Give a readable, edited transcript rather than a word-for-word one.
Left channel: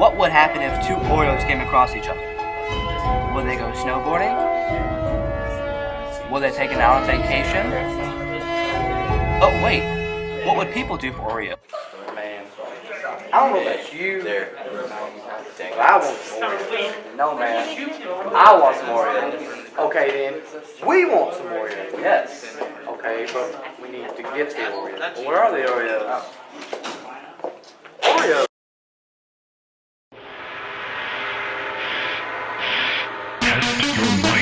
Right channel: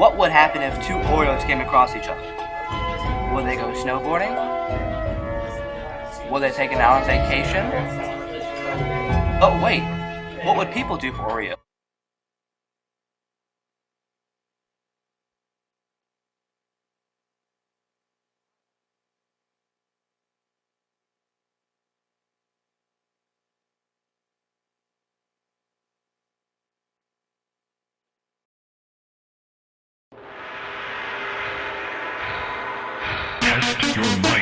What would happen if two Oreos came across each other? Would they go snowboarding? Will they take an out on vacation? Oh wait, what would people do for Oreo? Man, I don't know about you, but I want some Oreos. No, man, I want some Oreos. Okay, then, we want some Oreos. Yes. Okay, but we need to get the Oreos. Where are the Oreos? Oreos. Test your might.